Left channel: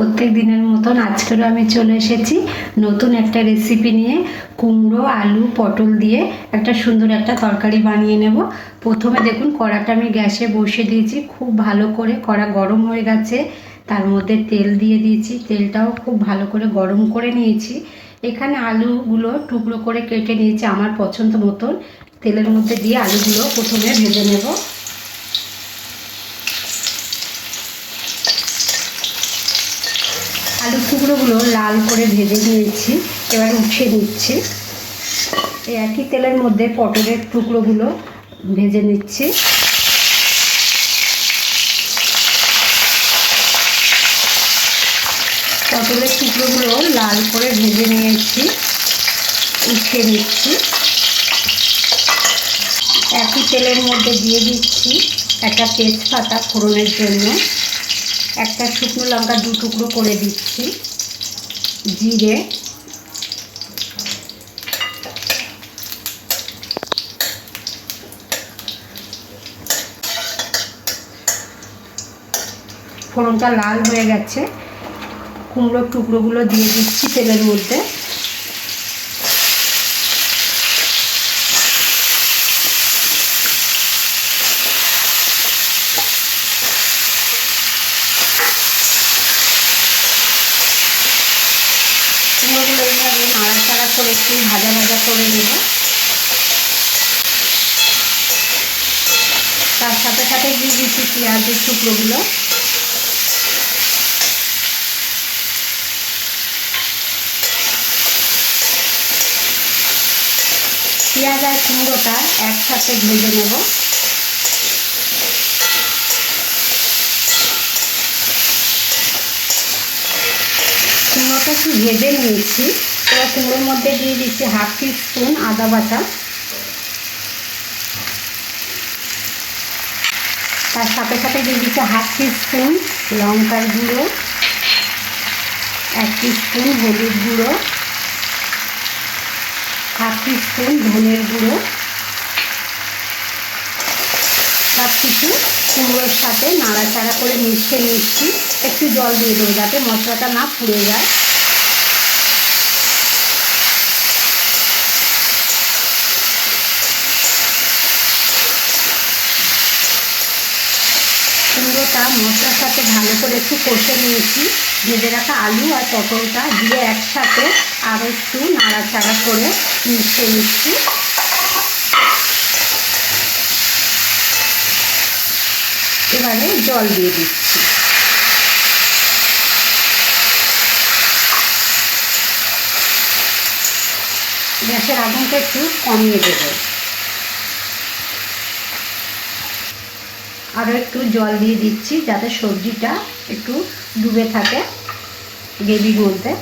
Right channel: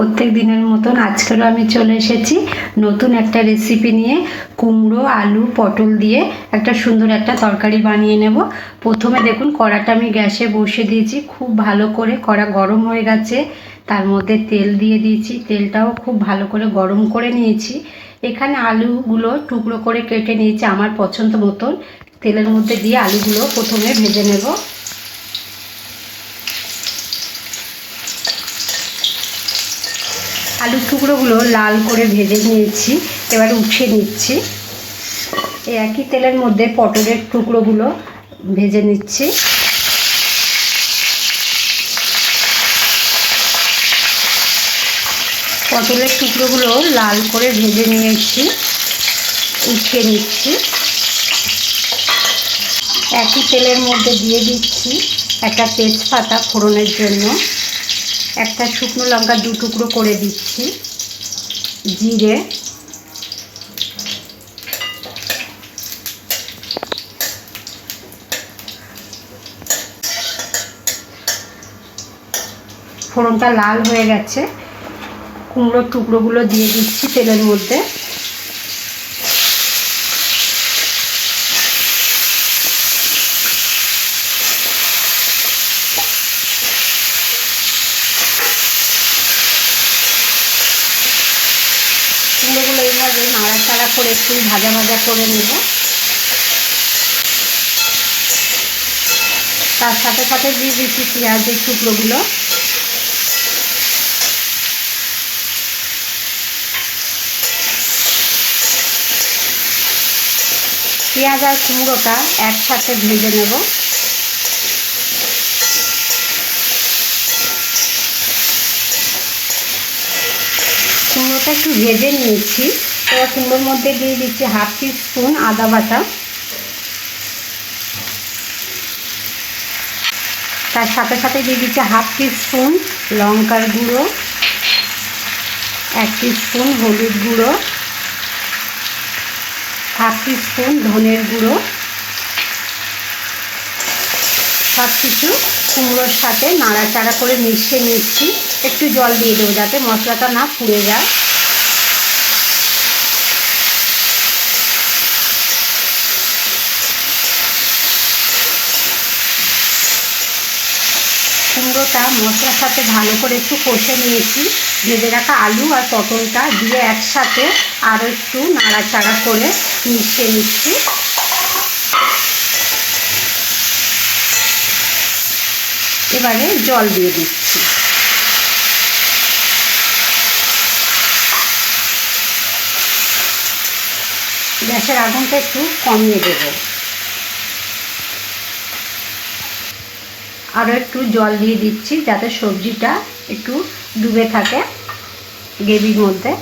প্রত্যেক দিনের মতন আজকেরও আমি চলে এসেছি নতুন একটা রেসিপি নিয়ে। কুমড়ো, আলু, পটল দিয়ে একটা সুন্দর একটা তরকারি বানিয়ে নেব। প্রথমে দেখুন কড়াটা আমি গ্যাসে বসিয়ে দিয়েছি, খুব ভালো করে কড়া গরম হয়ে গেছে। তার মধ্যে তেল দিয়ে দিয়েছি, তেলটাও খুব ভালো করে গরম করে নিয়েছি। এখানে আলুগুলো টুকরো করে কেটে নিয়েছি আমার পছন্দ মতন। তেলের মধ্যে দিয়ে আলুগুলো প্রথমে ভেজে নেব। আলুর টুকরোগুলো লাল করে ভেজে নিয়েছি, এবার উঠিয়ে নিচ্ছি। এই একই তেলের মধ্যে পটলের টুকরোগুলো ভেজে নিচ্ছি। পটলের টুকরোগুলো লাল করে ভেজে নিয়েছি, উঠিয়ে নিচ্ছি। একই তেলের মধ্যে দিয়ে দিচ্ছি একটা তেজপাতা ফোড়নের জন্য, একটা শুকনো লঙ্কা 2 টুকরো করে দিচ্ছি, জিরে, ফোড়নটা লাল হয়ে গেছে। কুমড়োর টুকরোগুলো দিয়ে দিচ্ছি তেলের মধ্যে। কুমড়োগুলো এইভাবে নাড়াচাড়া করে একটু ভাজা ভাজা করে নেব। তার সাথে সাথে দিয়ে দিচ্ছি পেঁয়াজের টুকরোগুলো। পেঁয়াজ আর কুমড়োটা একসাথে ভেজে নেব। কুমড়োটা একটু ভেজে নিয়েছি, এবার কুমড়োর মধ্যে দিয়ে দিচ্ছি 1/2 টিস্পুন আদা বাটা। তার সাথে সাথে দিয়ে দিচ্ছি 1/2 টিস্পুন লঙ্কার গুঁড়ো, 1 টিস্পুন হলুদ গুঁড়ো, 1/2 টিস্পুন ধনের গুঁড়ো। সব কিছু কুমড়োর সাথে নাড়াচাড়া করে মিশিয়ে নিচ্ছি। একটু জল দিয়ে দেবো যাতে মশলাটা না পুড়ে যায়। কুমড়োটা মশলার সাথে ভালো করে একটু কষে নিয়েছি। ভেজে রাখা আলু আর পটলটা দিয়ে একসাথে আর একটু নাড়াচাড়া করে মিশিয়ে নিচ্ছি। এবারে জল দিয়ে দিচ্ছি। গ্যাসের আগুনটা একটু কমিয়ে দেব। আরও একটু জল দিয়ে দিচ্ছি যাতে সবজিটা একটু ডুবে থাকে গ্রেভির মধ্যে।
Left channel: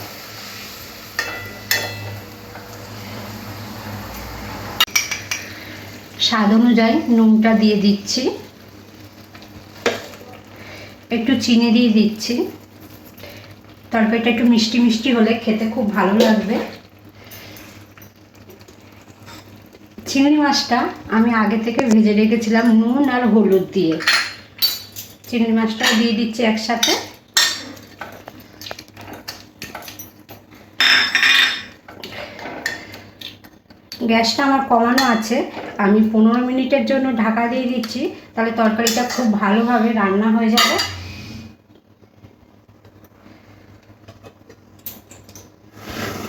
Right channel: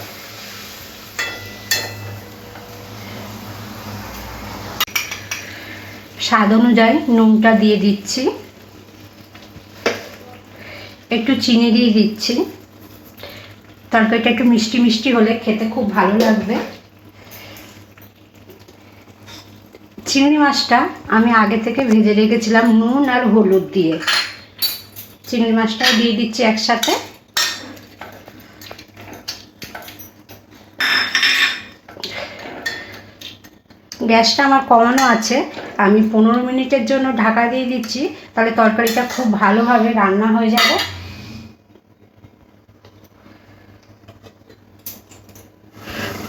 স্বাদ অনুযায়ী নুনটা দিয়ে দিচ্ছি, একটু চিনি দিয়ে দিচ্ছি। তরকারিটা একটু মিষ্টি মিষ্টি হলে খেতে খুব ভালো লাগবে। চিংড়ি মাছটা আমি আগে থেকে ভেজে রেখেছিলাম নুন আর হলুদ দিয়ে। চিংড়ি মাছটাও দিয়ে দিচ্ছি একসাথে। গ্যাসটা আমার কমানো আছে, আমি 15 মিনিটের জন্য ঢাকা দিয়ে দিচ্ছি, তাহলে তরকারিটা খুব ভালোভাবে রান্না হয়ে যাবে।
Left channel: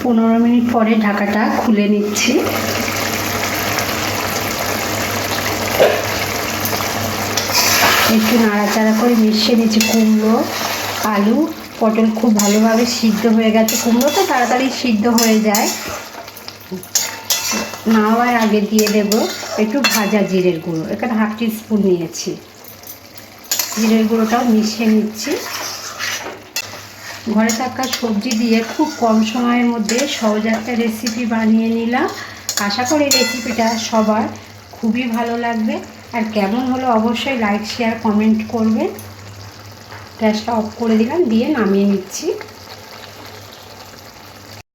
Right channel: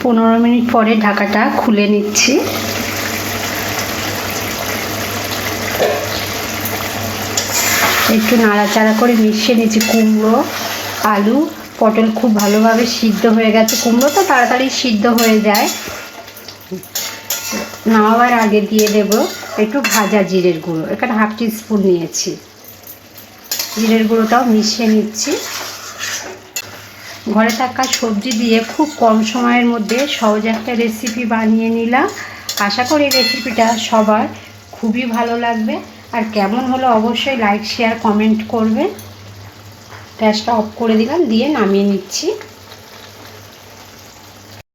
পনেরো মিনিট পরে ঢাকাটা খুলে নিচ্ছি। একটু নাড়াচাড়া করে মিশিয়ে নিচ্ছি। কুমড়ো, আলু, পটল খুব ভালোভাবে সিদ্ধ হয়ে গেছে। কুমড়ো তো তাড়াতাড়ি সিদ্ধ হয়ে যায়। নামার আগে দিয়ে দেব একটু ভাজা জিরের গুঁড়ো, এখানে 1/2 টিস্পুন নিয়েছি। জিরের গুঁড়োটাও মিশিয়ে নিচ্ছি। ঘরে থাকা সবজি দিয়ে খুব কম সময়ের মধ্যে সহজ একটা রেসিপি বানিয়ে নিলাম। আশা করি রেসিপিটা সবার খুবই ভালো লাগবে। আর কেমন হলো অবশ্যই লাইক, শেয়ার, কমেন্ট করবেন। গ্যাসটা অফ করে দিলাম, দিয়ে নামিয়ে নিচ্ছি।